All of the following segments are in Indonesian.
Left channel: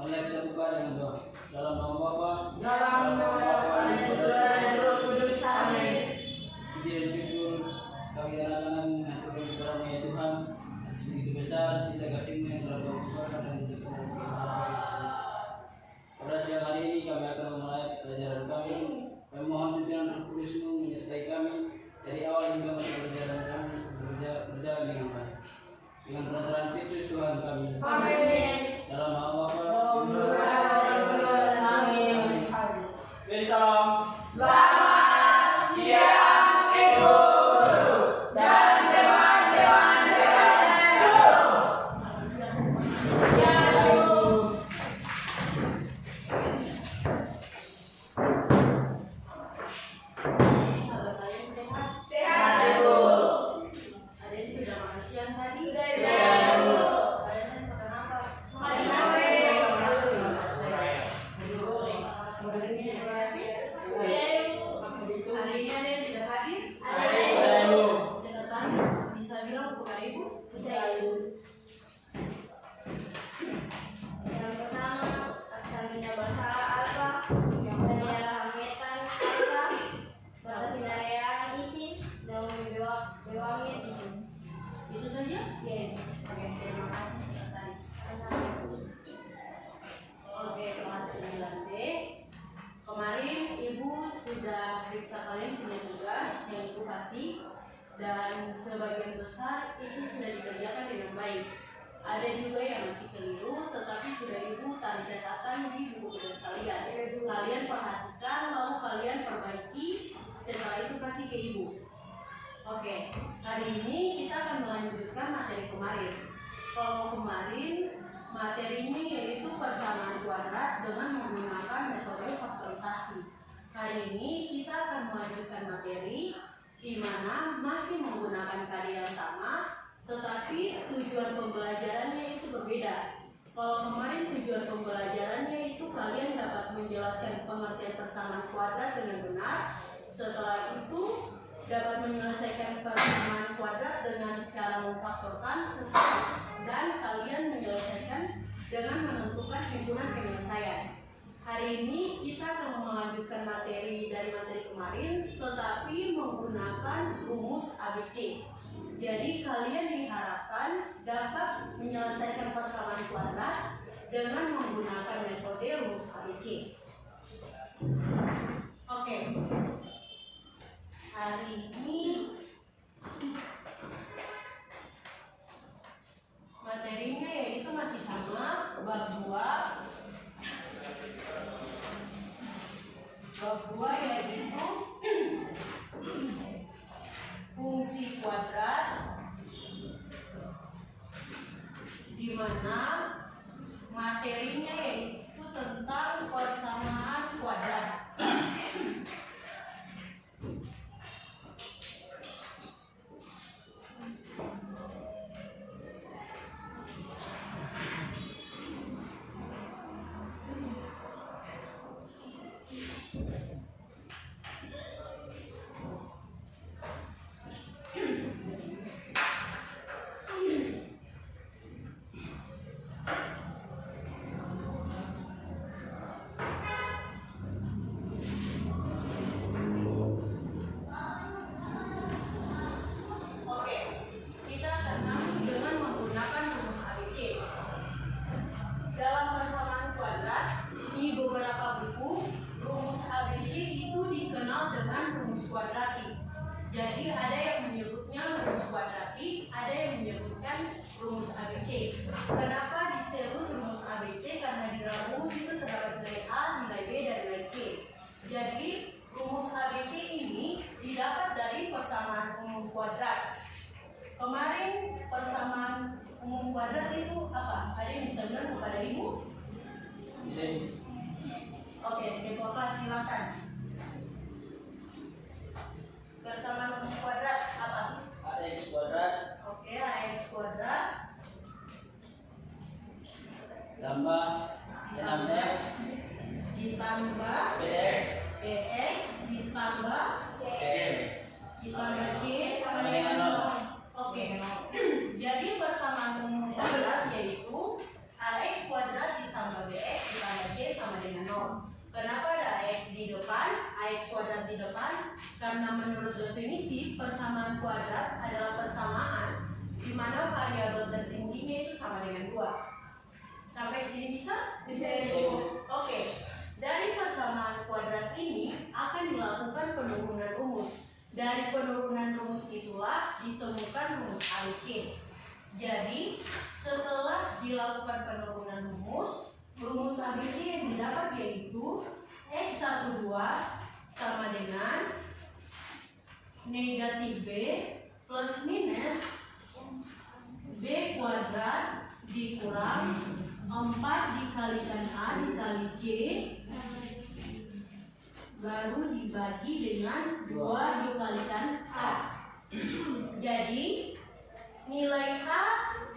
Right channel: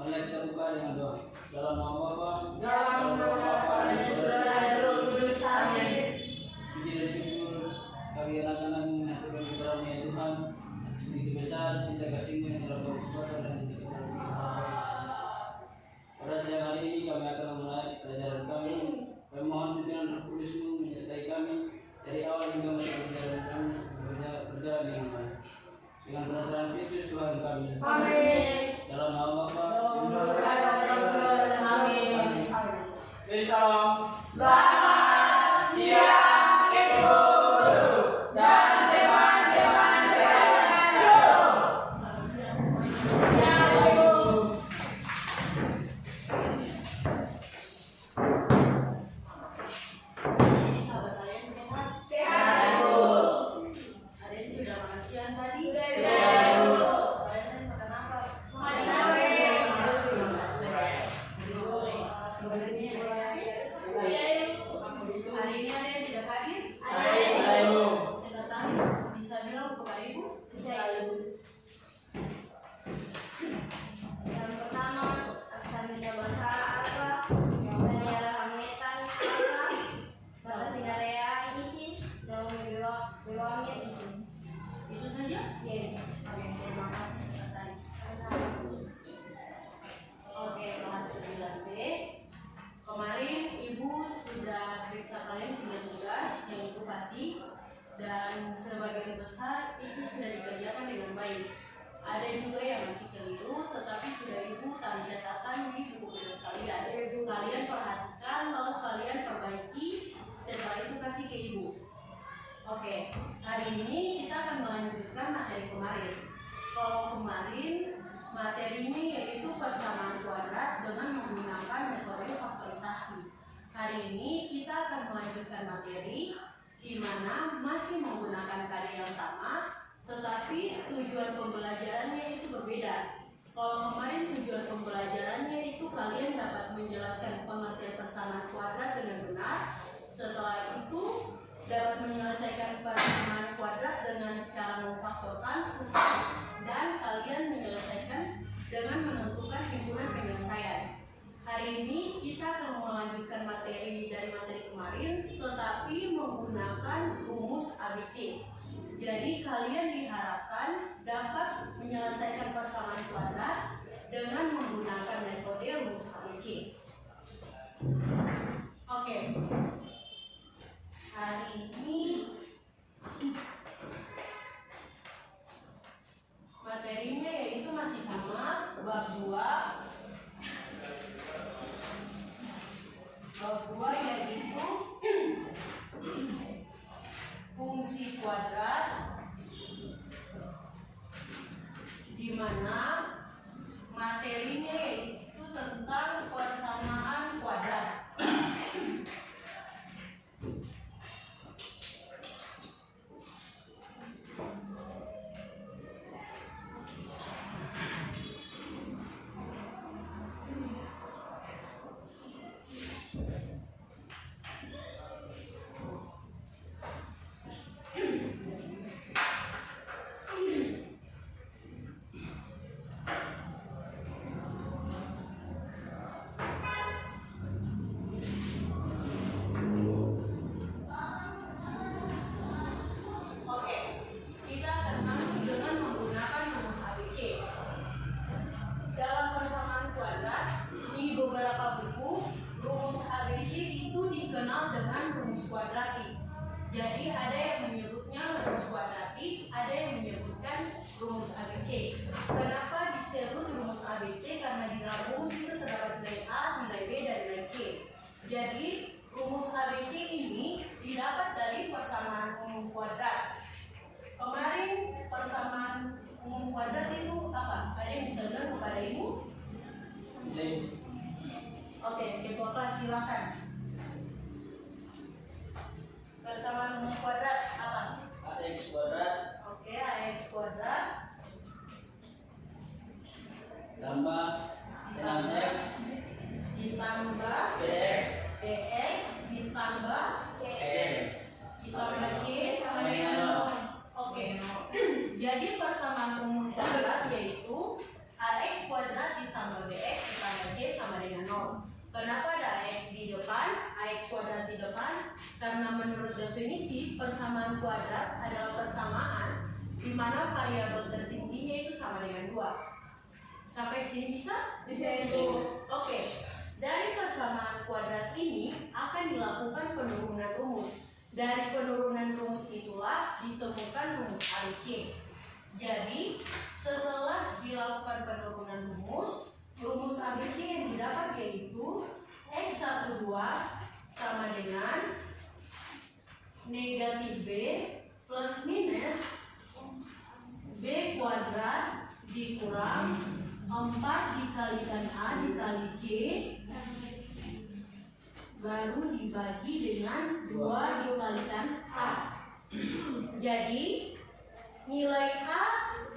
Mari kita buka dengan doa. Dalam nama Bapa, Dalam nama Bapa dan Putra dan Roh Kudus. Amin. puji dan syukur kami anak-anak mengaturkan kepada ya Tuhan atas begitu besar cinta kasih-Mu yang telah Kau besarkan dan tidak kita pada siang hari ini kami akan memulai pelajaran kami. Kami mohon pimpinan Roh Kudus-Mu menyertai kami dari awal hingga masa pelajaran kami berjalan dengan baik. Dengan penataran Kristus Tuhan kami. Amin. Dalam nama Bapa, Amin. Beri salam. Selamat siang, Ibu Guru dan teman-teman sekalian. Ya, Ibu. Kalau kalian sehat? Sehat, Ibu. Ada sih sudah makan siang tadi? Sudah, Ibu. Kalian tadi makan apa? Makan sate. Hari ini ada yang tidak hadir? Ada, Ibu. Sekretaris bisa bilang kepada Ibu? Bisa, Ibu. Yang pertama, aksamina bahasa apa? Yang kedua, hamitan apa? Berarti area isi dan bewangnya isi. Itu saja? Ya, Ibu. Oke, terima kasih sekretaris. Oke, kelas 9B. Kemarin Ibu sudah periksa kalian punya tugas yang Ibu kasih dan sebagian besar itu sudah dikerjakan dengan baik. Ada juga yang masih keliru tetapi sudah Ibu tanda catatan di buku tugas kalian. Kalian perhatikan lalu kalian perbaiki setelah itu kasih ke Ibu. Oke, hari ini kita akan melanjutkan materi kemarin. Kalau kemarin materinya yaitu persamaan kuadrat dengan menggunakan metode faktorisasi. Hari ini kita akan melanjutkan materi di mana masih menggunakan kali yang sama, tetapi tujuan pembelajarannya itu berbeda. Kalau kemarin tujuan pembelajarannya itu kalian dapat menjelaskan pengertian persamaan kuadrat dengan benar. Setelah itu dapat menyelesaikan persamaan kuadrat dengan cara memfaktorkan dan kalian menyelesaikan dengan menentukan himpunan penyelesaian. Hari ini kita akan melanjutkan materi dari materi kemarin tetapi menggunakan rumus ABC. Jadi kalian diharapkan dapat menyelesaikan persamaan kuadrat dengan menggunakan metode rumus ABC. Oke. Hari ini materinya yaitu masih sama bab 2. Bab 2 yaitu fungsi kuadrat, di mana materinya yaitu tentang persamaan kuadrat. Jadi ada yang menyebutnya rumus kuadratik, ada yang menyebutkan rumus ABC. Kenapa disebut rumus ABC? Karena di dalam rumus itu terdapat nilai A, nilai B, dan nilai C. Jadi rumus ABC ini didapat dari persamaan umum kuadrat. Kemarin persamaan umum kuadrat itu apa? Ada yang bisa bilang kepada Ibu? Bisa. Oke, ketua kelas silakan. Persamaan umum kuadrat apa? AX kuadrat. Oke, AX kuadrat Tambah 6X ditambah BX BX ditambah C ditambah C sama dengan 0. Oke. Jadi persamaan umum kuadrat yaitu AX kuadrat ditambah BX Karena menurut definisi persamaan kuadrat adalah persamaan di mana variabel tertingginya itu sama dengan 2. Sampai sini bisa? Bisa. Oke. Dari persamaan kuadrat ini akan dilakukan penurunan rumus. Dari penurunan rumus itulah ditemukan rumus ABC. Jadi setelah dilakukan penurunan rumus ABC yang didapat yaitu X12 sama dengan negatif B plus minus B kuadrat dikurang 4 dikalikan A dikali C baru dibagi dengan 2 dikalikan A. Jadi nilai A,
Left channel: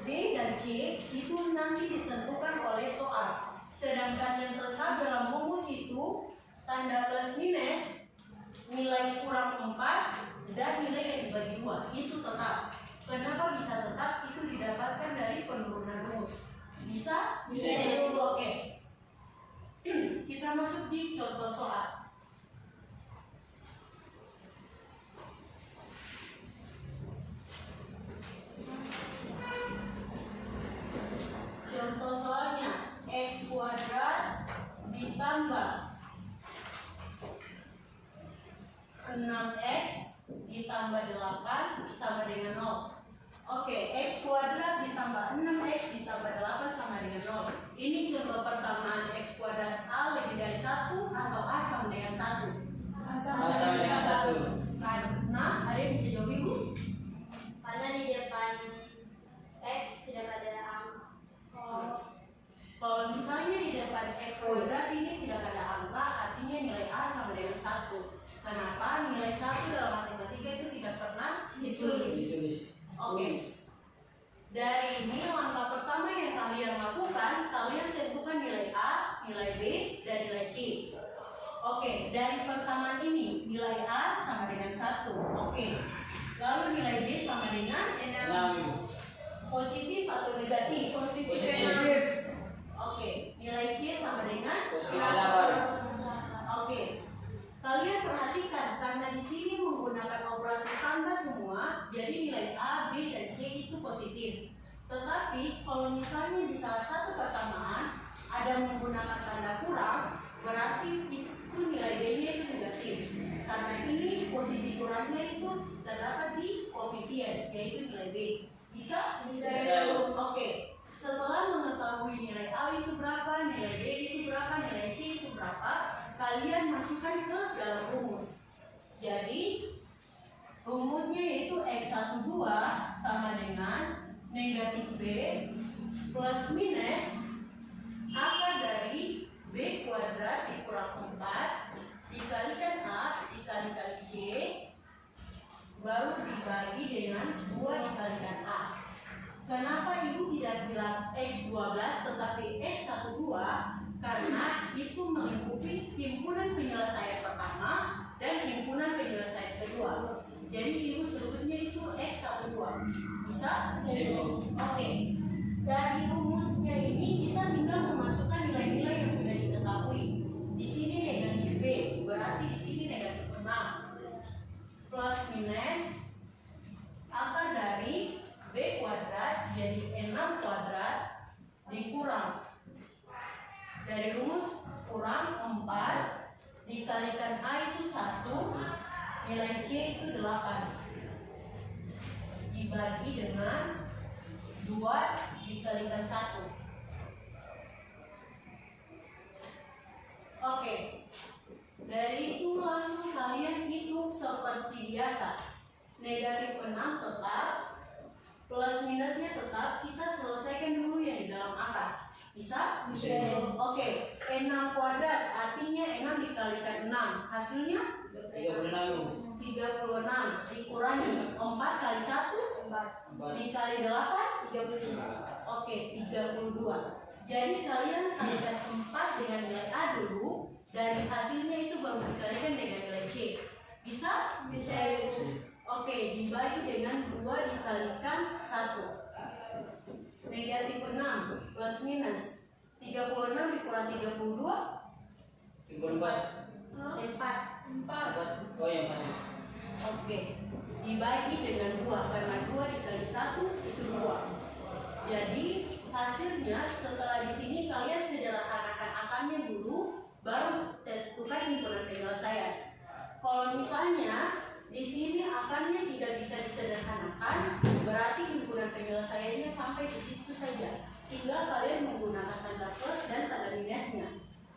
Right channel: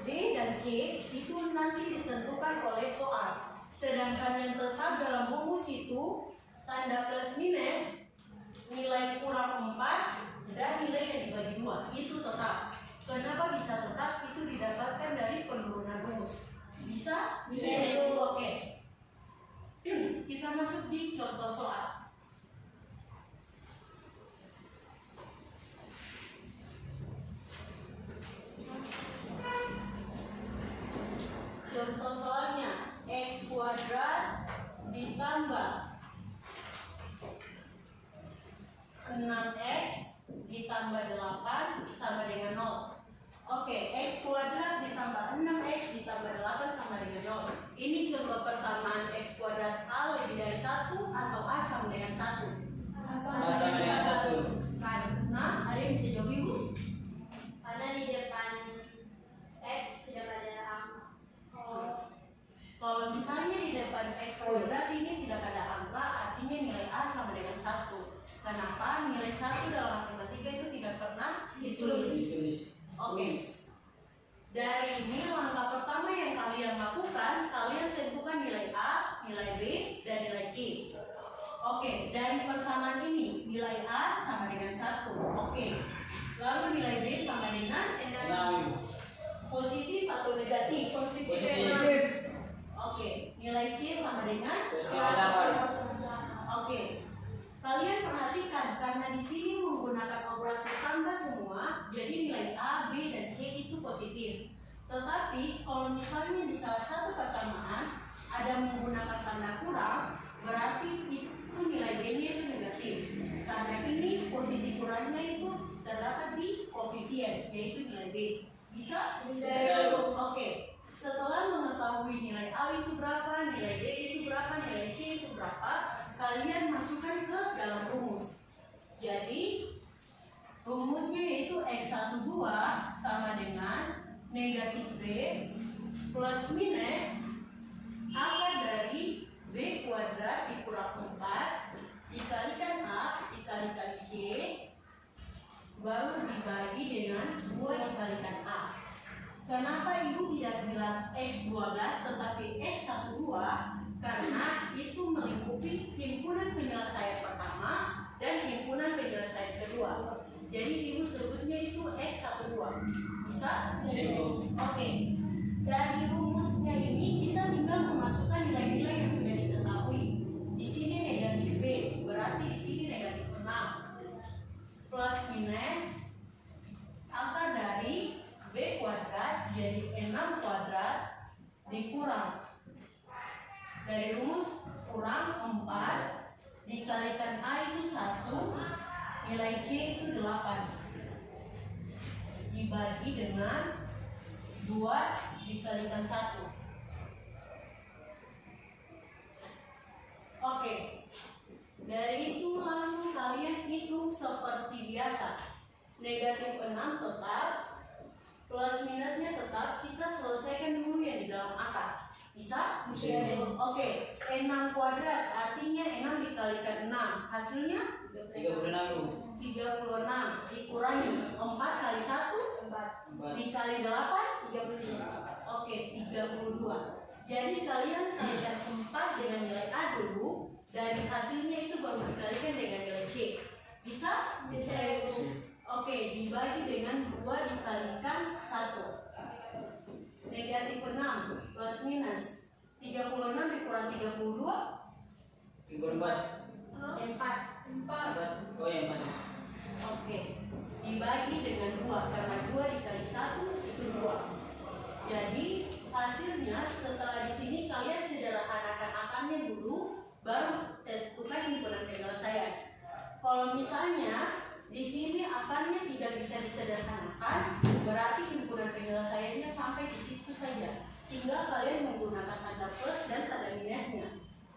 B, dan C itu nanti ditentukan oleh soal. Sedangkan yang tetap dalam rumus itu tanda plus minus, nilai kurang 4, dan nilai yang dibagi 2 itu tetap. Kenapa bisa tetap? Itu didapatkan dari penurunan rumus. Bisa? Bisa. Oke. Kita masuk di contoh soal. Contoh soalnya X kuadrat ditambah 6X ditambah 8 sama dengan 0. Oke, X kuadrat ditambah 6X ditambah 8 sama dengan 0. Ini contoh persamaan X kuadrat A lebih dari 1 atau A sama dengan 1. Sama dengan 1. Karena ada yang bisa jawab ibu? Karena di depan X tidak ada angka. Kalau misalnya di depan X kuadrat ini tidak ada angka, artinya nilai A sama dengan 1. Kenapa? Nilai 1 dalam matematika itu tidak pernah ditulis. Oke. Dari ini langkah pertama yang kalian lakukan, kalian tentukan nilai A, nilai B, dan nilai C. Oke, dari persamaan ini nilai A sama dengan 1. Oke. Lalu nilai B sama dengan 6. positif atau negatif? Positif. Oke, nilai C sama dengan Positif 8. Oke. Kalian perhatikan karena di sini menggunakan operasi tambah semua, jadi nilai A, B, dan C itu positif. Tetapi kalau misalnya di salah satu persamaan ada menggunakan tanda kurang, berarti itu nilai B-nya itu negatif. Karena ini posisi kurangnya itu terdapat di koefisien, yaitu nilai B. Bisa? Bisa. Oke. Setelah mengetahui nilai A itu berapa, nilai B itu berapa, nilai C itu berapa, kalian masukkan ke dalam rumus. Jadi rumusnya yaitu X12 sama dengan negatif B plus minus akar dari B kuadrat dikurang 4 dikalikan A dikalikan C baru dibagi dengan 2 dikalikan A. Kenapa ibu tidak bilang X12 tetapi X12? Karena itu melingkupi himpunan penyelesaian pertama dan himpunan penyelesaian kedua. Jadi ibu sebutnya itu X12. Bisa? Oke. Dari rumusnya ini kita tinggal memasukkan nilai-nilai yang sudah diketahui. Di sini negatif B, berarti di sini negatif 6. Plus minus akar dari B kuadrat jadi 6 kuadrat dikurang dari rumus kurang 4 dikalikan A itu 1 nilai C itu 8 dibagi dengan 2 dikalikan 1. Oke, dari itu langsung kalian hitung seperti biasa. Negatif 6 tetap, plus minusnya tetap, kita selesaikan dulu yang di dalam akar. Bisa? Bisa. Oke, 6 kuadrat artinya 6 dikalikan 6. Hasilnya 36. 36 dikurangi 4 kali 1 4 dikali 8 32. Oke, 32. Jadi kalian kalikan 4 dengan nilai A dulu, dari hasilnya itu baru dikalikan dengan nilai C. Bisa? Bisa. Oke, dibagi dengan 2 dikalikan 1. Negatif 6 plus minus 36 dikurang 32 34. 4. 4. Oh ya, 4. Oke, dibagi dengan 2 karena 2 dikali 1 itu 2. Jadi hasilnya setelah di sini kalian sederhanakan akarnya dulu, baru tentukan himpunan penyelesaian. Kalau misalnya di sini akarnya tidak bisa disederhanakan, berarti himpunan penyelesaiannya sampai di situ saja. Tinggal kalian menggunakan tanda plus dan tanda minusnya.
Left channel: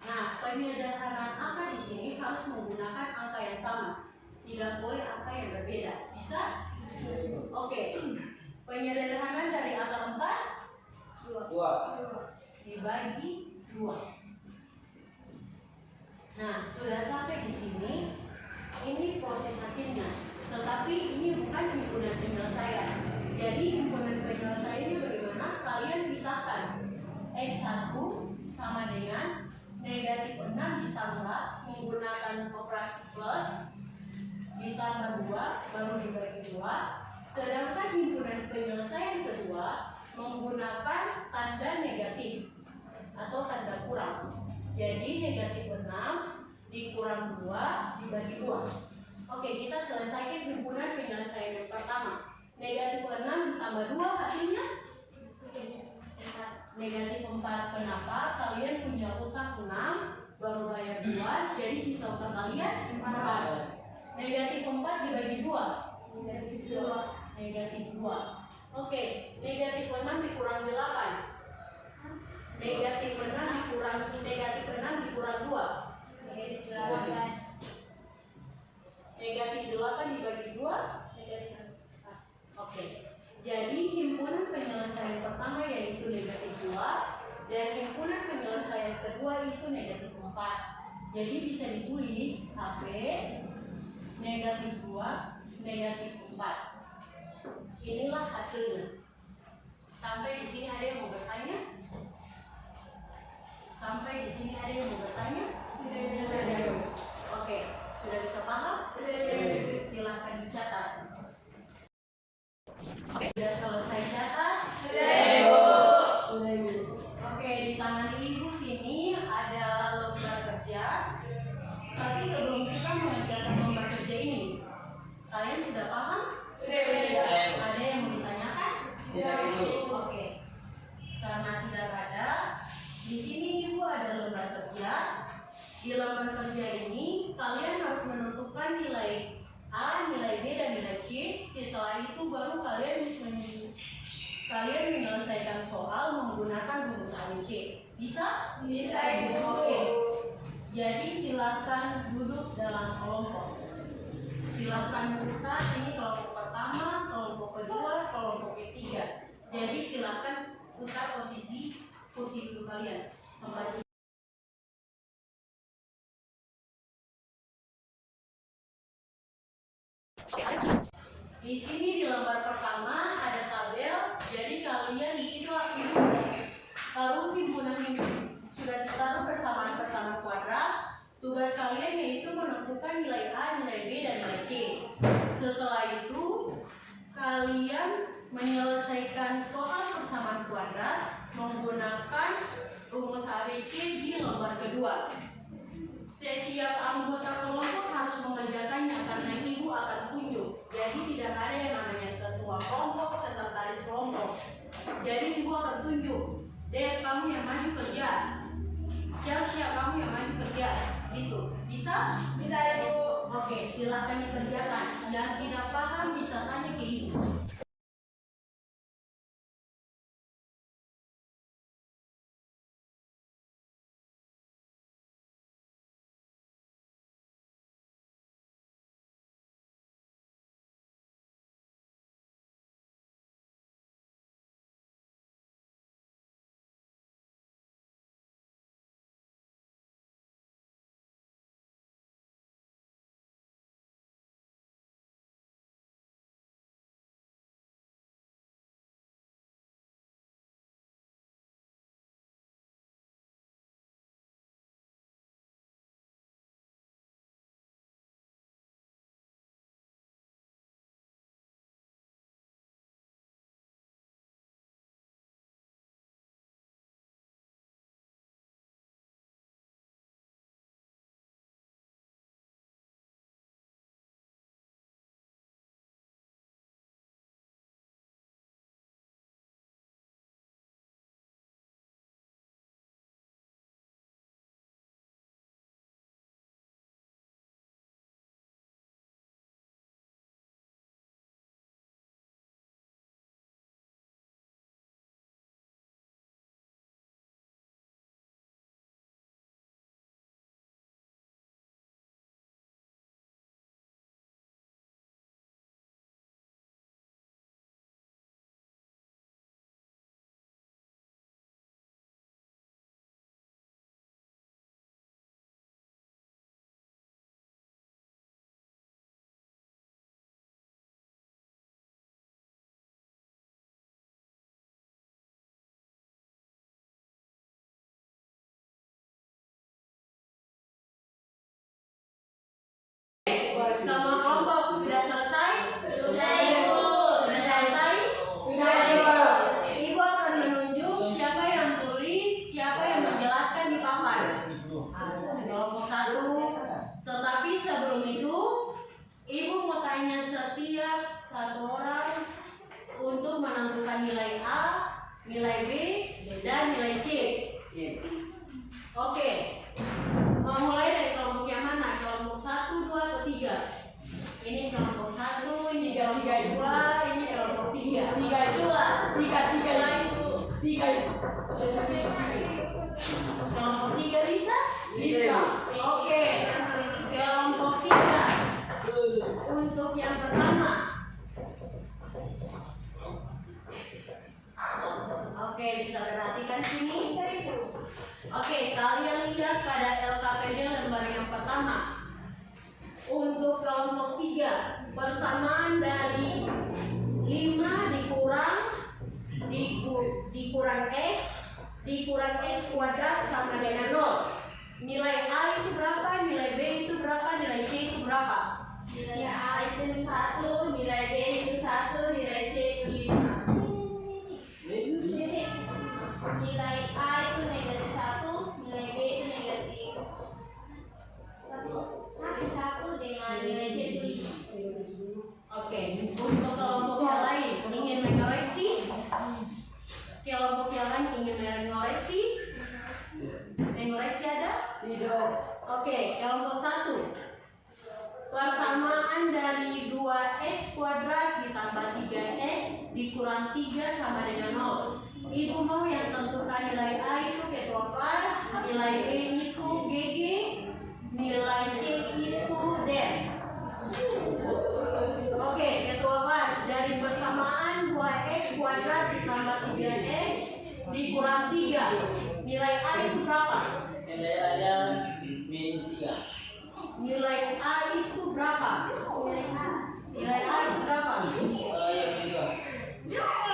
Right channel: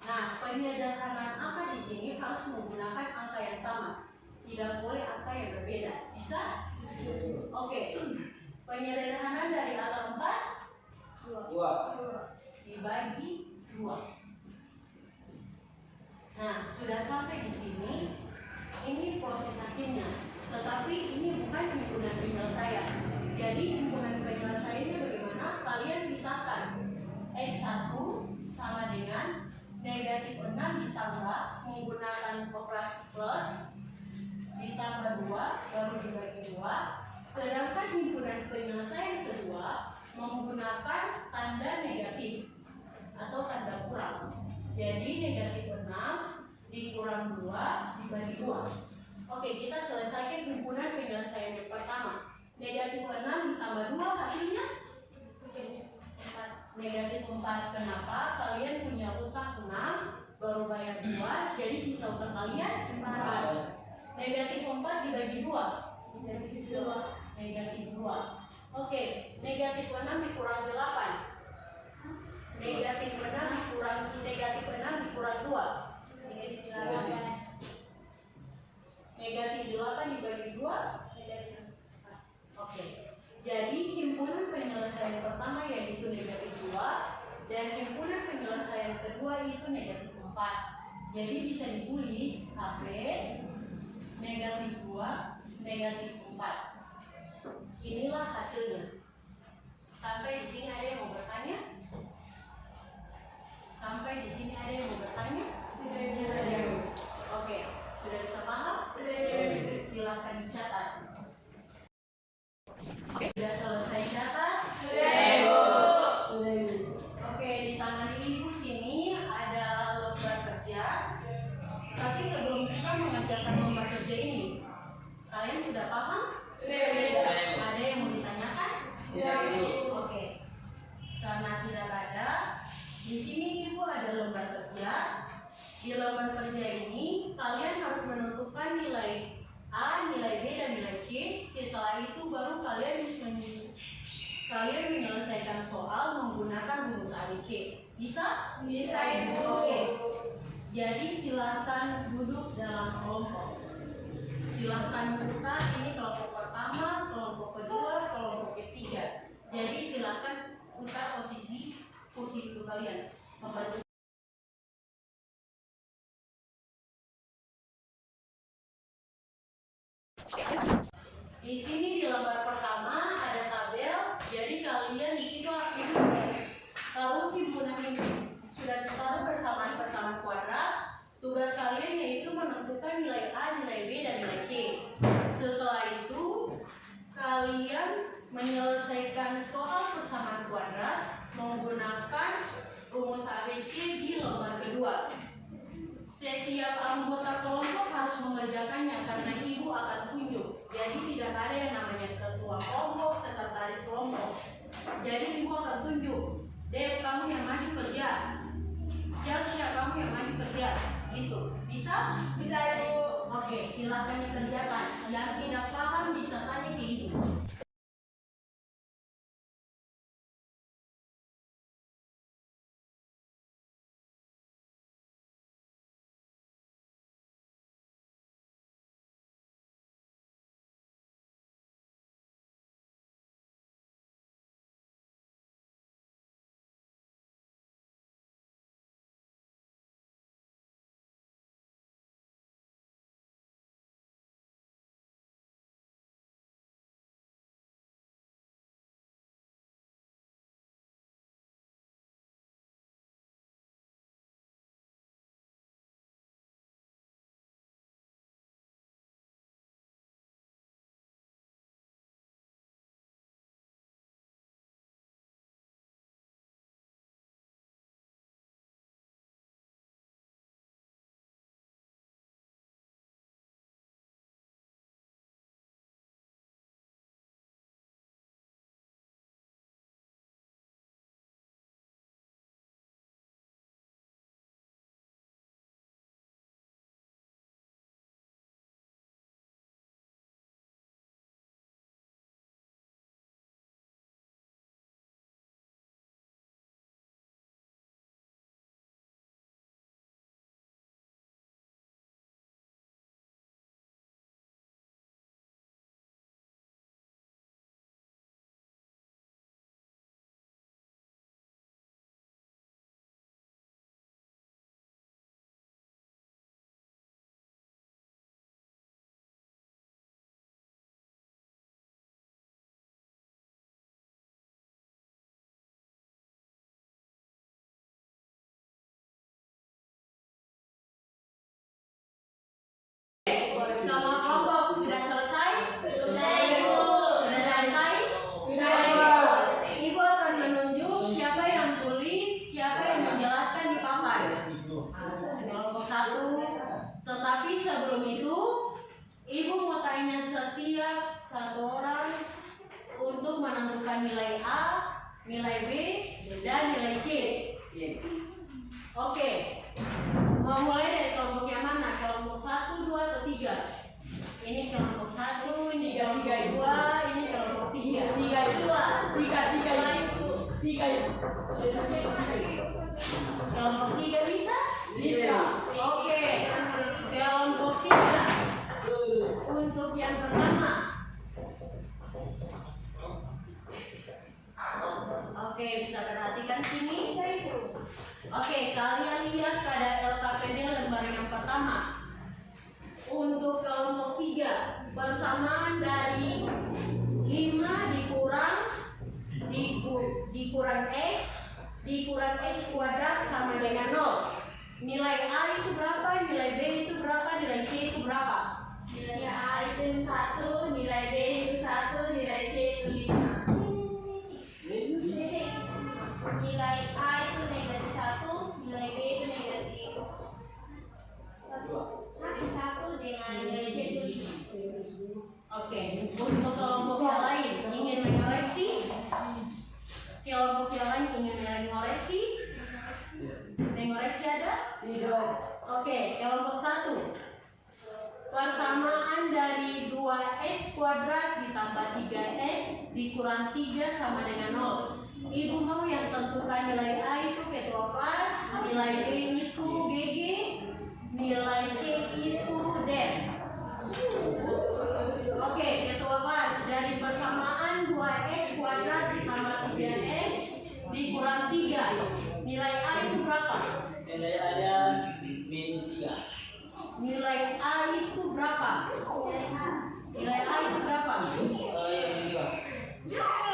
Nah, penyederhanaan angka di sini harus menggunakan angka yang sama. Tidak boleh angka yang berbeda. Bisa? Oke. Penyederhanaan dari angka 4 2. dibagi 2. Nah, sudah sampai di sini. Ini proses akhirnya. Tetapi ini bukan himpunan penyelesaian. Jadi himpunan penyelesaian ini bagaimana? Kalian pisahkan X1 sama dengan negatif 6 ditambah menggunakan operasi plus ditambah 2 baru dibagi 2. Sedangkan himpunan penyelesaian kedua menggunakan tanda negatif atau tanda kurang. Jadi negatif 6 dikurang 2 dibagi 2. Oke, kita selesaikan himpunan penyelesaian yang pertama. Negatif 6 ditambah 2 hasilnya negatif 4. Kenapa? Kalian punya utang 6 baru bayar 2, jadi sisa utang kalian 4. Negatif 4 dibagi 2 negatif 2. Oke, negatif 6 dikurang 8. Negatif 6 dikurang 2 negatif 8 dibagi 2 Oke, jadi himpunan penyelesaian pertama yaitu negatif 2 dan himpunan penyelesaian kedua itu negatif 4. Jadi bisa ditulis HP negatif 2 negatif 4. Inilah hasilnya. Sampai di sini ada yang mau bertanya? Sampai di sini ada yang mau bertanya? Oke, sudah bisa paham? Silahkan dicatat. Oke, sudah selesai catat? Sudah, Ibu. Oke, di tangan Ibu sini ada lembar kerja. Tapi sebelum kita mengerjakan lembar kerja ini, kalian sudah paham? Ada yang mau ditanyakan? Oke. Karena tidak ada, di sini Ibu ada lembar kerja. Di lembar kerja ini kalian harus menentukan nilai A, nilai B, dan nilai C. Setelah itu baru kalian menyelesaikan soal menggunakan rumus ABC. Bisa? Bisa, Ibu. Oke. Jadi silakan duduk dalam kelompok. Silakan buka ini kelompok pertama, kelompok kedua, kelompok ketiga. Jadi silakan putar posisi kursi duduk kalian. Membantu. Di sini di lembar pertama ada tabel, jadi kalian di situ taruh himpunan sudah ditaruh persamaan kuadrat. Tugas kalian yaitu menentukan nilai A, nilai B, dan nilai C. Setelah itu kalian menyelesaikan soal persamaan kuadrat menggunakan rumus ABC di lembar kedua. Setiap anggota kelompok harus mengerjakannya karena Ibu akan tunjuk. Jadi tidak ada yang namanya ketua kelompok, sekretaris kelompok. Jadi Ibu akan tunjuk. Dek, kamu yang maju kerja. Siap, kamu yang maju kerja. Gitu. Bisa? Bisa, Ibu. Oke, silakan dikerjakan. Yang tidak paham bisa tanya ke Ibu. untuk menentukan nilai A, nilai B, dan nilai C. Oke. Mulai dari kelompok yang mana? Kelompok 1, 2, atau 3? Ini kelompok 1, ini kelompok 2, ini kelompok 3. 3 Kelompok 3 bisa? Bisa. Oke. Kelompok 3. Untuk yang pertama. Oke, bisa perhatikan sini. Oke, kalian lihat pada LKPD lembar yang pertama. Untuk kelompok 3, persamaan dari 5 dikurang X kuadrat sama dengan 0. Nilai A itu berapa, nilai B itu berapa, nilai C itu berapa? Nilai A itu 1, nilai B itu 1, nilai C itu 5. Nilai A itu negatif 1, nilai B itu negatif 1 dengan nilai C itu 5. Oke, untuk kelompok yang lain ingin mengoreksi? Kelompok yang lain ingin mengoreksi? Mengoreksi ada? Tidak. Oke, kelompok 1. Persamaan dari 2x kuadrat ditambah 3x dikurang 3 sama dengan 0. Ibu mau yang tentukan nilai A itu ketua kelas, nilai B itu GG, nilai C itu DEF. Oke, ketua kelas, dari persamaan 2x kuadrat ditambah 3x dikurang 3. Nilai A itu berapa? Nilai ada min 3. Nilai A itu berapa? Nilai A itu berapa? Yang kedua. Negatif.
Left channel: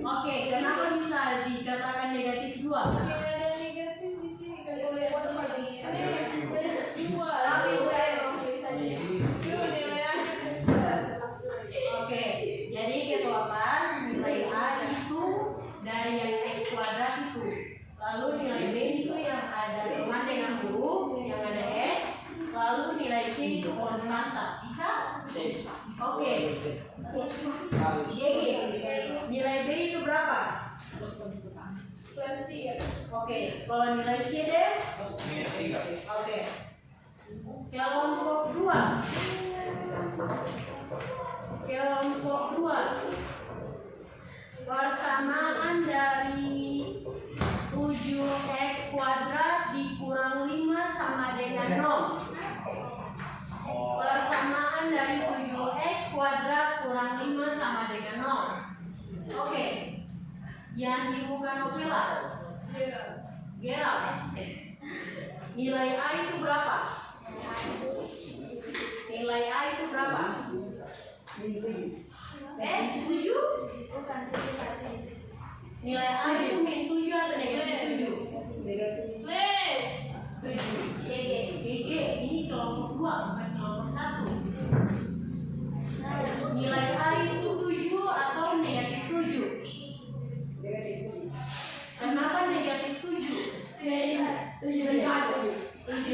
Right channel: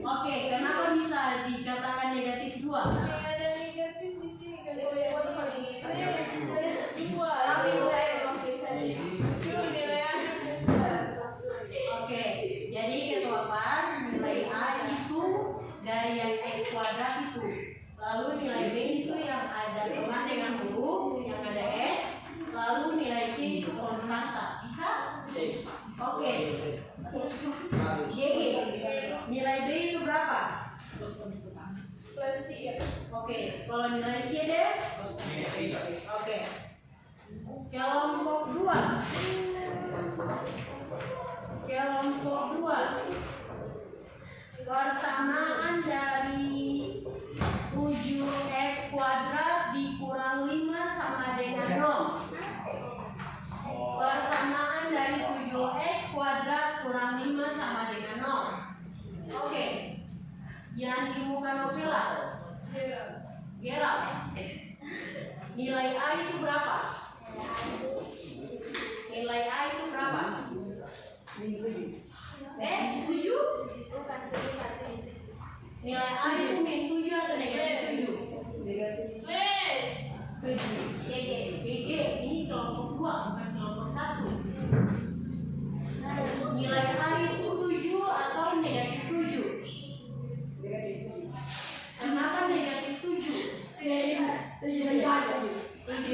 Oke, kenapa bisa dikatakan negatif 2? Oke, jadi ketua kelas nilai A itu dari yang X kuadrat itu. Lalu nilai B itu yang ada teman dengan huruf, yang ada X. Lalu nilai C itu konstanta. Bisa? Oke. GG. Nilai B itu berapa? Oke, kalau nilai C deh? Oke. Kelompok 2. Kelompok 2. Persamaan dari 7x kuadrat dikurang 5 sama dengan 0. Persamaan dari 7x kuadrat kurang 5 sama dengan 0. Oke. Yang di muka novela Gerald. Nilai A itu berapa? Nilai A itu berapa? 7? Nilai A itu min 7 atau negatif 7? Negatif. 7. GG. Ini kelompok 2 bukan kelompok 1. Nilai A itu 7 atau negatif 7? Kenapa negatif 7? 7.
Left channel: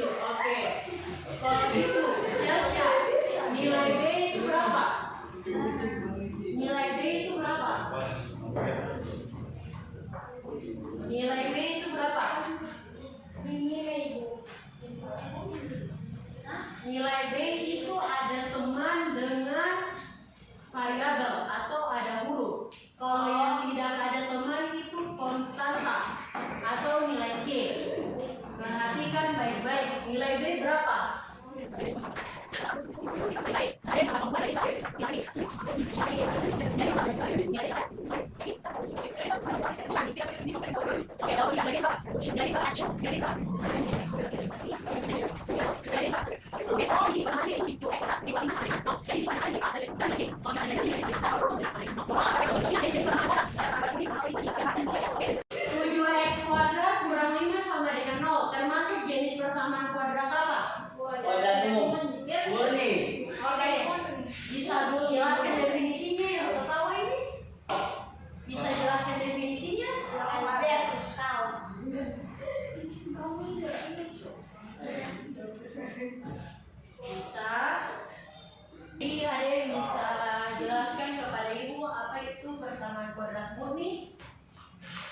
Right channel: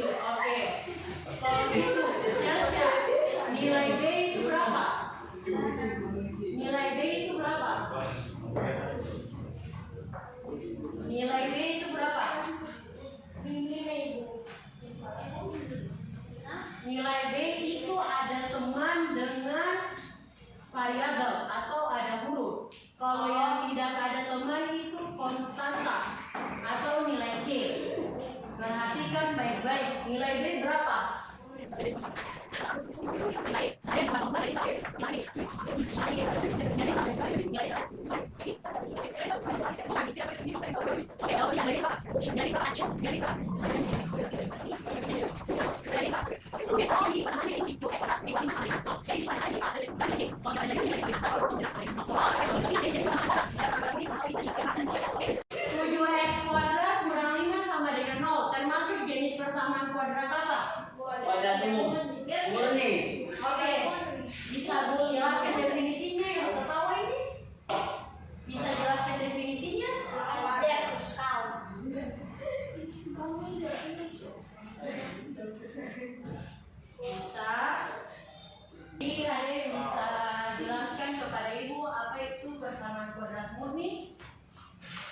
Oke. Kalau gitu, Yelsha, nilai B itu berapa? Nilai B itu berapa? Nilai B itu berapa? Nilai B itu ada teman dengan variabel atau ada huruf. Kalau yang tidak ada teman itu konstanta atau nilai C. Perhatikan baik-baik. Nilai B berapa? Persamaan kuadrat apa? Kuadrat umum. Murni. Oke, bisa jelaskan definisinya yang tertawa ini? Bisa jelaskan definisinya? Bisa. Jadi ada yang murni,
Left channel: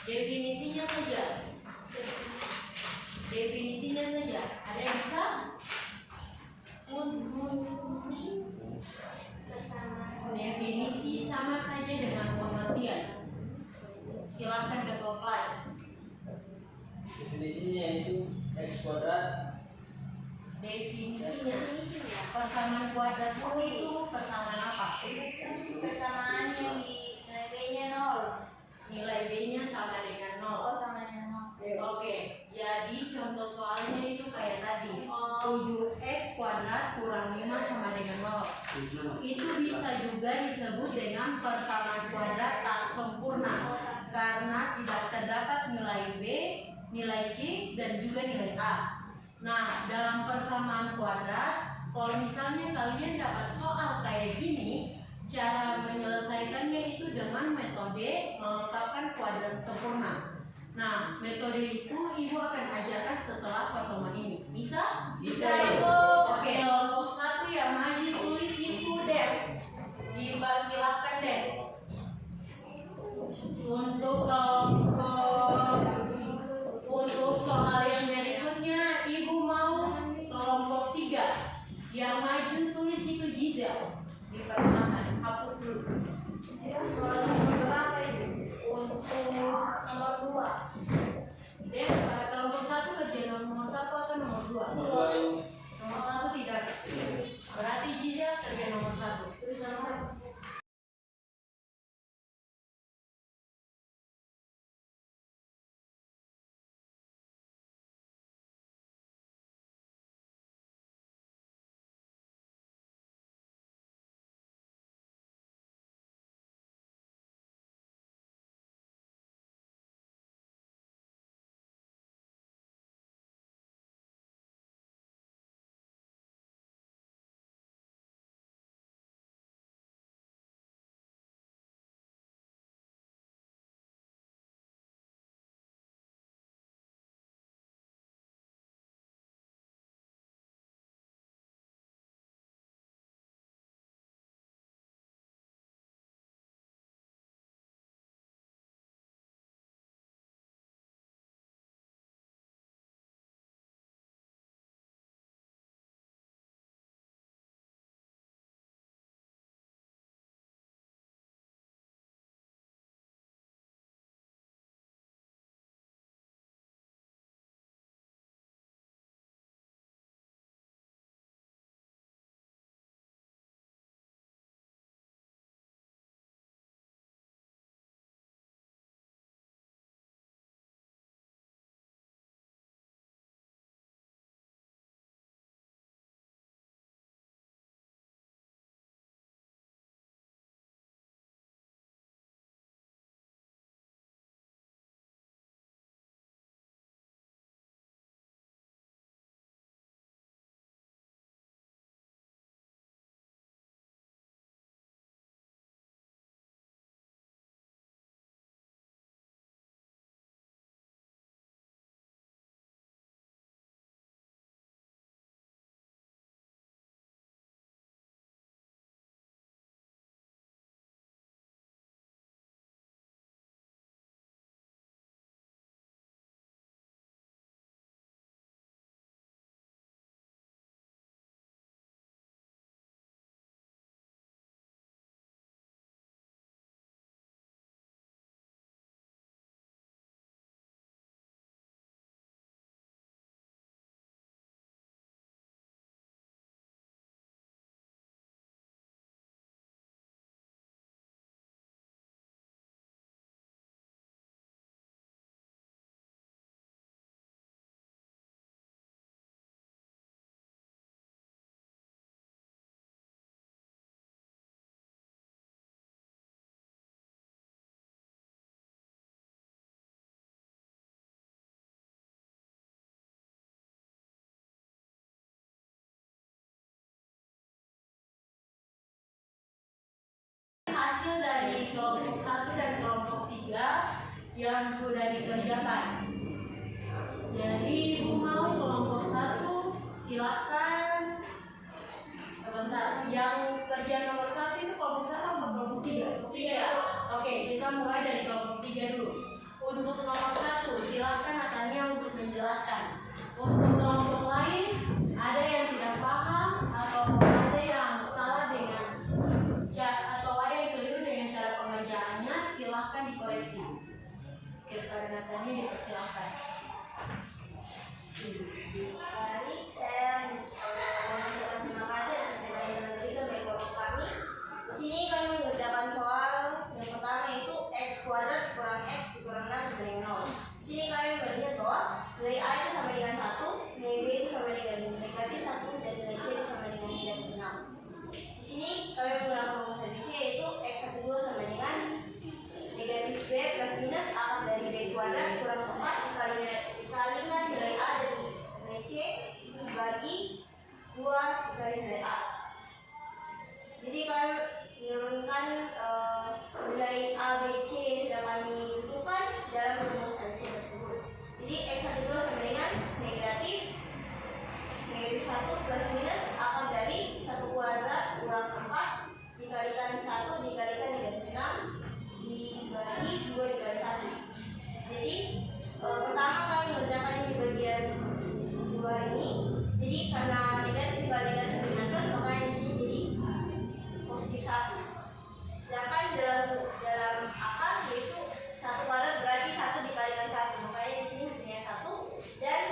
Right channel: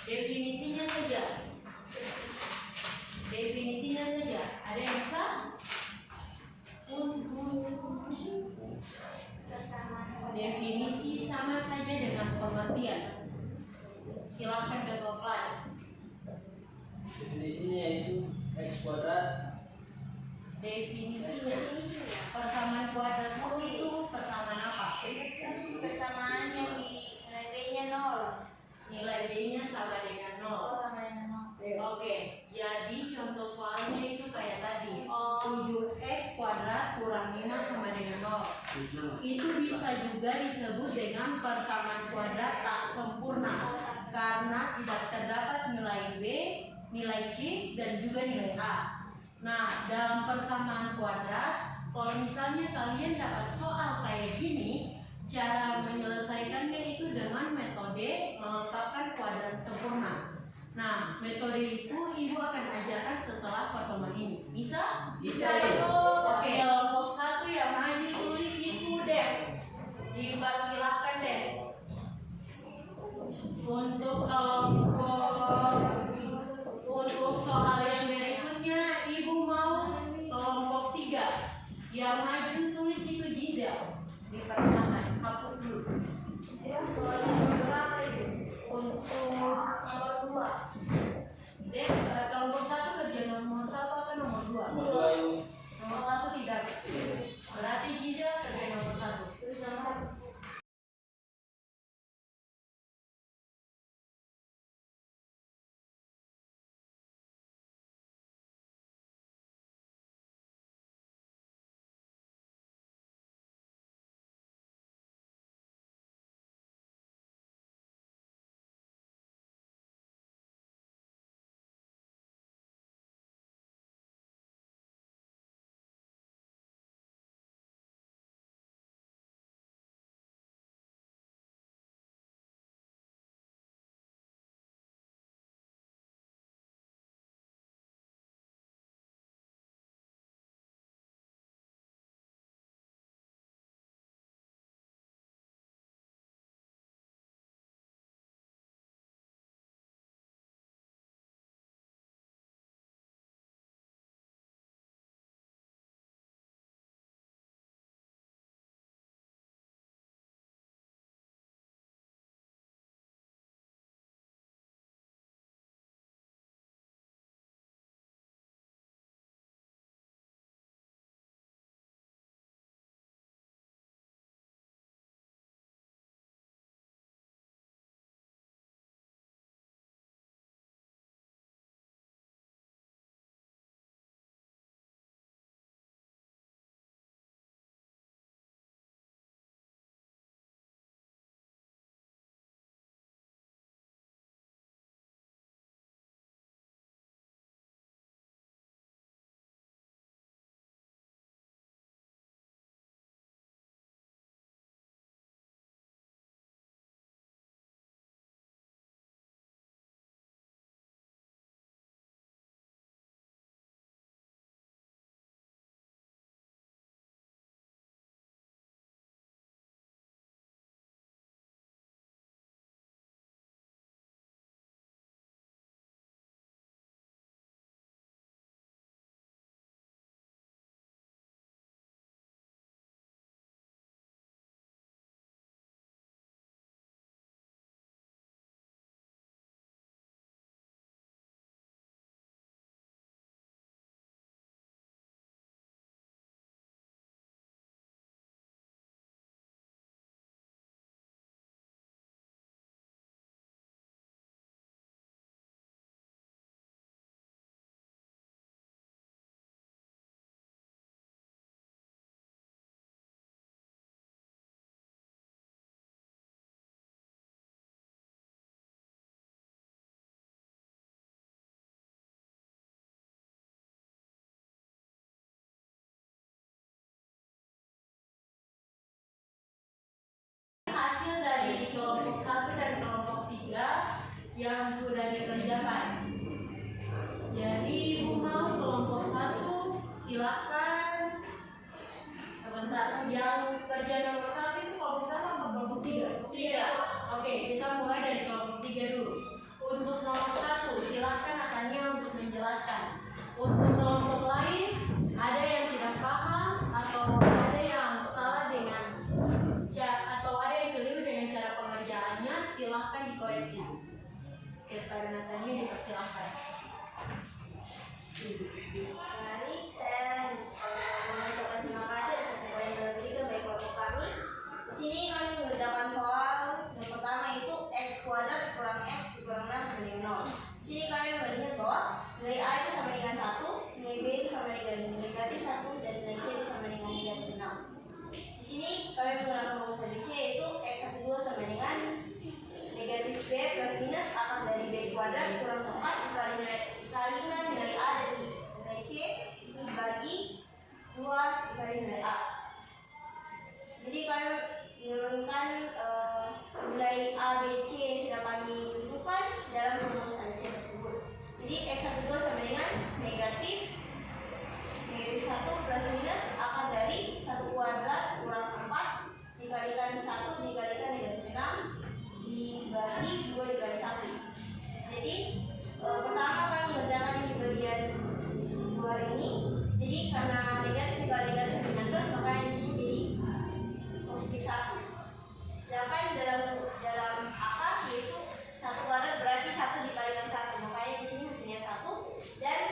definisinya saja. Definisinya saja. Ada yang bisa? Definisi sama saja dengan pengertian. Silakan ketua kelas. Definisinya yaitu X kuadrat. Definisinya persamaan kuadrat murni itu persamaan apa? Persamaan yang di nilai B-nya 0. Nilai B-nya sama dengan 0. Sama dengan 0. Oke, jadi contoh soalnya itu kayak tadi 7x kuadrat kurang 5 sama dengan 0. Itu bisa juga disebut dengan persamaan kuadrat tak sempurna karena tidak terdapat nilai B, nilai C, dan juga nilai A. Nah, dalam persamaan kuadrat, kalau misalnya kalian dapat soal kayak gini, cara menyelesaikannya itu dengan metode melengkapkan kuadrat sempurna. Nah, metode itu ibu akan ajarkan setelah pertemuan ini. Bisa? Bisa, Ibu. Oke, kelompok 1 yang maju tulis itu deh. Dipersilakan deh. Untuk soal yang berikutnya, ibu mau kelompok 3 yang maju tulis itu Gisel. Dipersilakan, hapus dulu. Soal nomor berapa itu? Untuk nomor 2. Deh, kelompok 1 kerja nomor 1 atau nomor 2? Nomor 2 Ibu. Nomor 1 tidak. Berarti Gisel kerja nomor 1. Terus nomor 1. Hasil dari kelompok 1 dan kelompok 3 yang sudah dikerjakan. Jadi ibu mau kelompok 1 silakan. Sebentar, yang kerja nomor 1 itu kelompok 1 atau kelompok 3? 3. Oke, kita mulai dari kelompok 3 dulu. Untuk nomor 1, silakan Natania untuk menjelaskan. Untuk kelompok lain, ada yang tidak paham atau ada yang salah dengan atau ada yang keliru dengan cara pengerjaannya, silakan dikoreksi. Kepada Natania dipersilakan. Baik, saya mengucapkan terima kasih atas segala yang diberikan bagi kelompok kami. Di sini kami mengerjakan soal yang pertama yaitu x kuadrat kurang x dikurang 6 sama dengan 0. Di sini kami melihat bahwa nilai a itu sama dengan 1, nilai b itu sama dengan negatif 1, dan nilai c itu sama dengan negatif 6. Di sini kami menggunakan rumus ABC yaitu x12 sama dengan negatif b plus minus akar dari b kuadrat kurang 4 dikalikan nilai a dan nilai c dibagi 2 dikali nilai a. Jadi kami menurunkan nilai a, b, c yang sudah kami tentukan dalam rumus ABC tersebut. Jadi x12 sama dengan negatif 1 plus minus akar dari 1 kuadrat kurang 4 dikalikan 1 dikalikan negatif 6 dibagi 2 dikali 1. Jadi pertama kami mengerjakan di bagian 2 ini. Jadi karena negatif dikali negatif dengan plus, maka di sini jadi positif 1. Sedangkan dalam akar yaitu 1 kuadrat berarti 1 dikalikan 1, makanya di sini mestinya 1, dan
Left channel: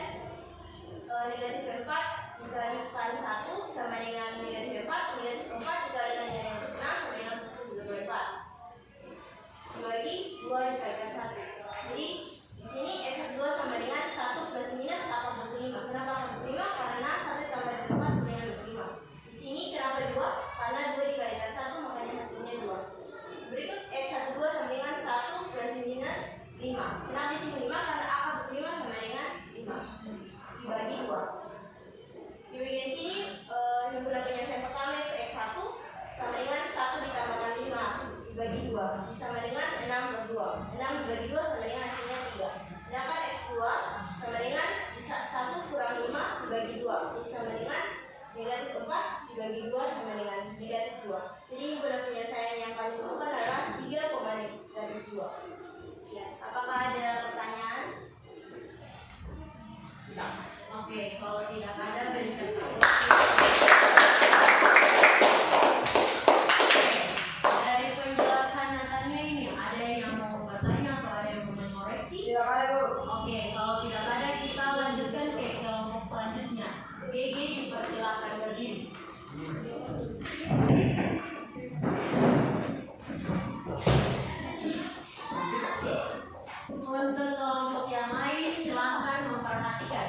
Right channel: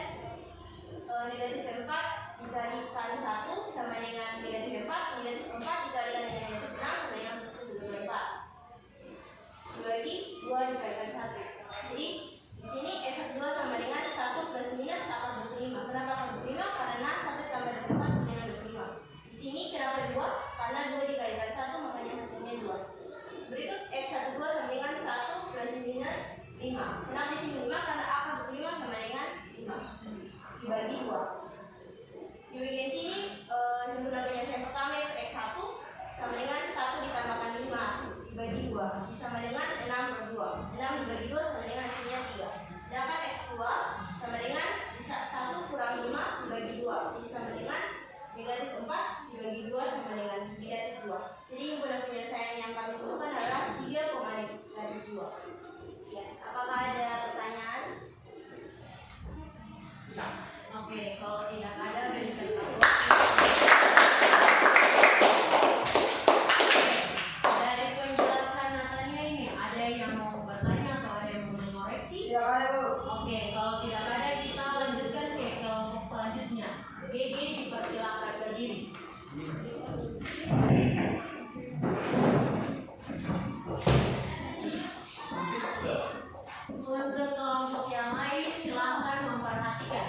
negatif 4 dikalikan 1 sama dengan negatif 4, negatif 4 dikalikan negatif 6 sama dengan positif 4 dibagi 2 dikalikan 1. Jadi di sini x12 sama dengan 1 plus minus akar 25. Kenapa akar 25? Karena 1 tambah 4 sama dengan 25. Di sini kenapa 2? Karena 2 dikalikan 1 makanya hasilnya 2. Berikut x12 sama dengan 1 plus minus 5. Kenapa di sini 5? Karena akar 25 sama dengan 5 dibagi 2. Di bagian sini himpunan penyelesaian pertama yaitu x1 sama dengan 1 ditambahkan 5 dibagi 2 sama dengan 6 per 2. 6 dibagi 2 sama dengan hasilnya 3. Sedangkan x2 sama dengan 1 kurang 5 dibagi 2 sama dengan negatif 4 dibagi 2 sama dengan negatif 2. Jadi himpunan penyelesaian yang kami temukan adalah 3, negatif 2. Ya, apakah ada pertanyaan? Oke, kalau tidak ada berikan dari penjelasan Natania ini, ada yang mau bertanya atau ada yang mau mengoreksi? Tidak ada, Bu. Oke, kalau tidak ada kita lanjutkan ke kelompok selanjutnya. GG dipersilakan berdiri. Untuk kelompok yang lain silakan memperhatikan.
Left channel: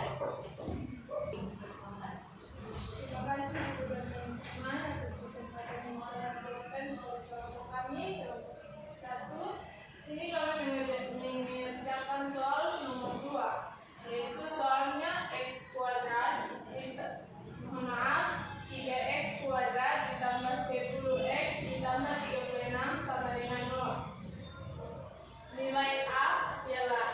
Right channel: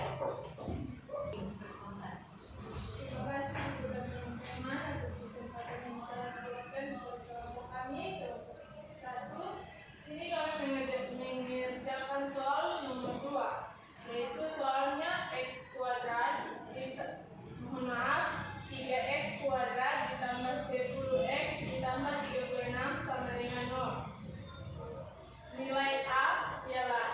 Terima kasih teman-teman atas kesempatan yang telah diberikan kepada kelompok kami. Kelompok 1, sini kami mengerjakan soal nomor 2, yaitu soalnya x kuadrat mohon maaf 3x kuadrat ditambah 10x ditambah 36 sama dengan 0. Nilai A ialah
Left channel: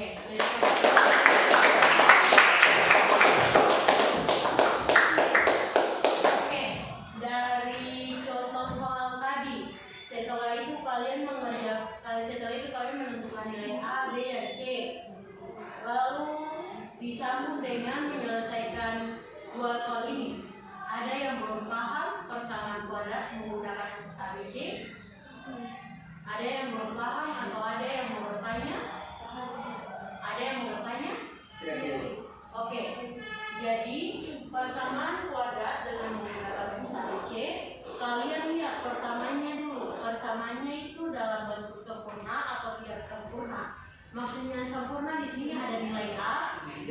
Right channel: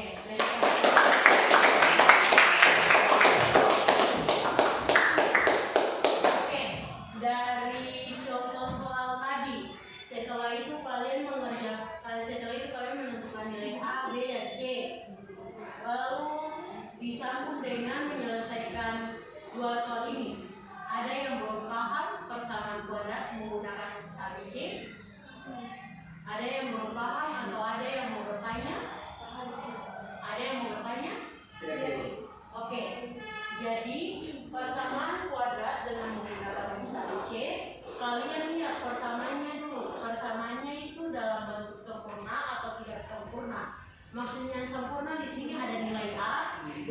Oke, Oke, dari contoh soal tadi, setelah itu kalian menentukan nilai A, B, dan C. Lalu disambung dengan menyelesaikan dua soal ini. Ada yang belum paham persamaan kuadrat menggunakan rumus ABC? Ada yang belum paham atau ada yang mau bertanya? Ada yang mau bertanya? Oke, jadi persamaan kuadrat dengan menggunakan rumus ABC, kalian lihat persamaannya dulu. Persamaannya itu dalam bentuk sempurna atau tidak sempurna. Maksudnya sempurna di sini ada nilai A, B,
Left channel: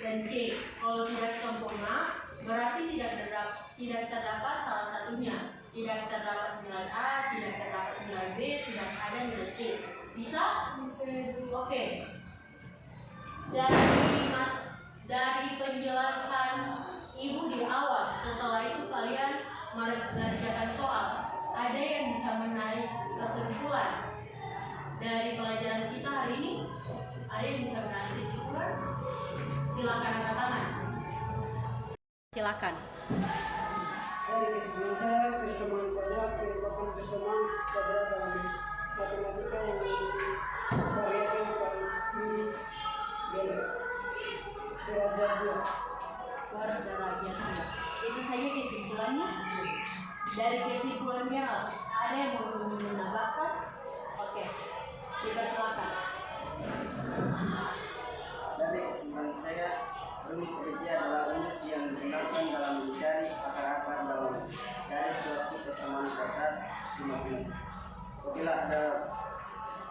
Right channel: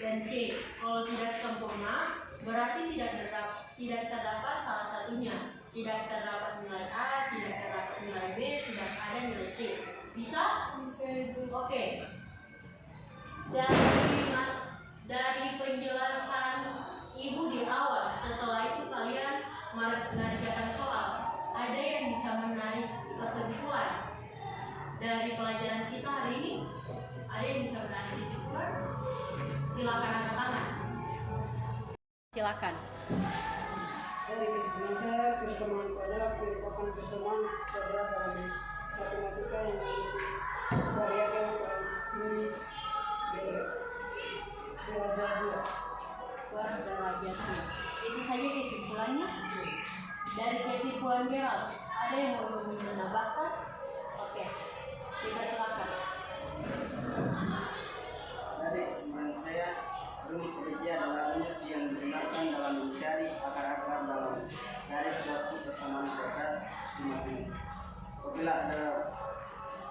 dan C. Kalau tidak sempurna, berarti tidak terdapat salah satunya. Tidak terdapat nilai A, tidak terdapat nilai B, tidak ada nilai C. Bisa? Oke. Dari penjelasan Ibu di awal, setelah itu kalian mengerjakan soal. Ada yang bisa menarik kesimpulan dari pelajaran kita hari ini? Ada yang bisa menarik kesimpulan? Silakan angkat tangan. Silakan. Dari kesimpulan saya, persamaan kuadrat merupakan persamaan kuadrat dalam matematika yang memiliki variabel ini derajat 2. Derajat 2. Itu saja kesimpulannya. Dari kesimpulan Gerald, ada yang mau menambahkan? Oke, kita silakan. Dari kesimpulan saya, rumus ABC adalah rumus yang digunakan dalam mencari akar-akar dalam garis suatu persamaan kuadrat di matematika. Apabila ada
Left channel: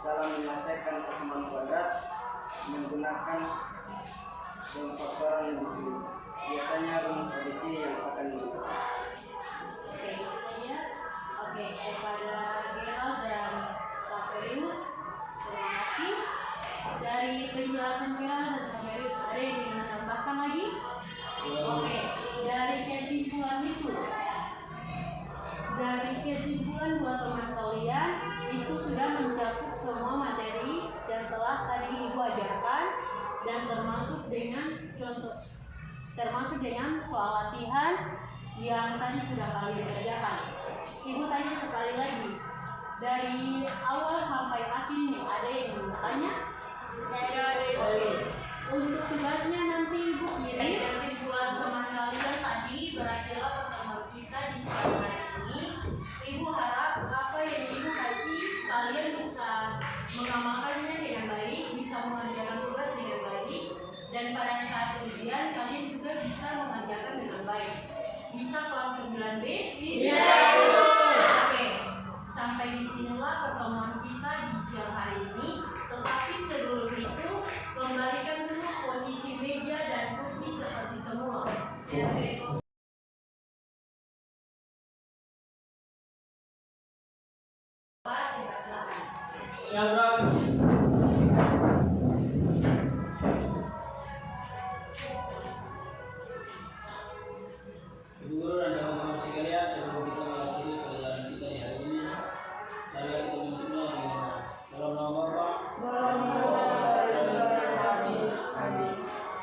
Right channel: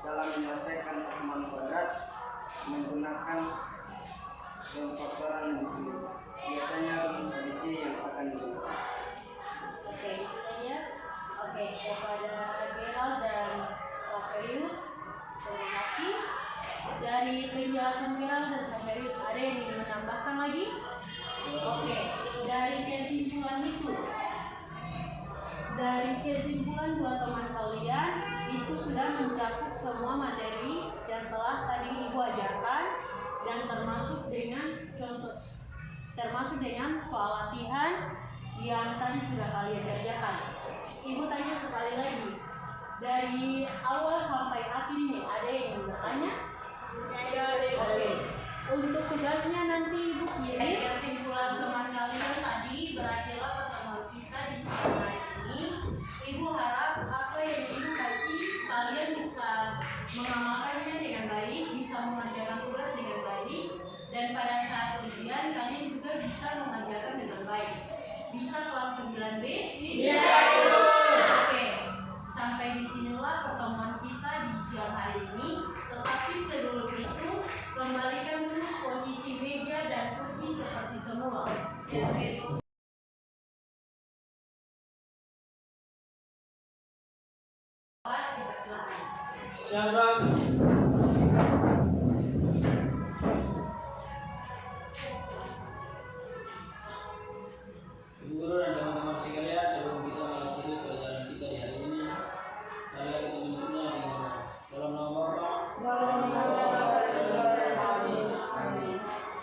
dalam menyelesaikan persamaan kuadrat menggunakan pemfaktoran di sini, biasanya rumus ABC yang akan digunakan. Oke, itu saja. Oke, kepada Gerald dan Saverius, terima kasih. Dari penjelasan Gerald dan Saverius, ada yang ingin menambahkan lagi? Oke, dari kesimpulan dua teman kalian itu sudah mencakup semua materi yang telah tadi Ibu ajarkan, dan termasuk dengan soal latihan yang tadi sudah kalian kerjakan. Ibu tanya sekali lagi, dari awal sampai akhir ini ada yang bertanya? Oke. Untuk tugasnya nanti Ibu kirim kesimpulan teman kalian tadi. Berakhirlah pertemuan kita di siang hari ini. Ibu harap apa yang Ibu kasih kalian bisa mengamalkannya dengan baik, bisa mengerjakan tugas dengan baik, dan pada saat ujian kalian juga bisa mengerjakan dengan baik. Bisa kelas 9B? Bisa. Oke. Sampai disinilah pertemuan kita di siang hari ini. Tetapi sebelum itu, kembalikan dulu posisi meja dan kursi seperti semula. Siapa? Guru dan teman-teman sekalian, sebelum kita mengakhiri pelajaran kita di hari ini, marilah kita menuntutnya dengan dalam nama Bapa, dalam nama Amin.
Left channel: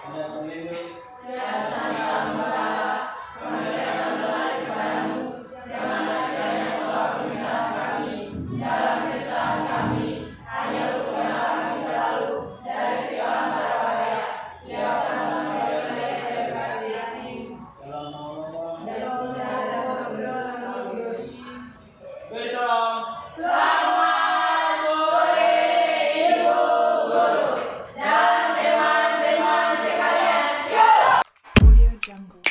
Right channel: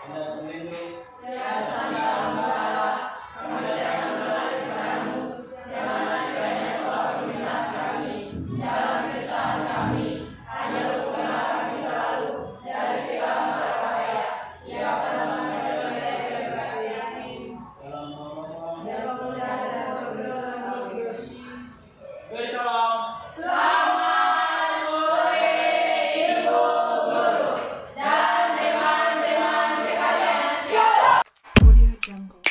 Anda terlindung. Audio Jungle.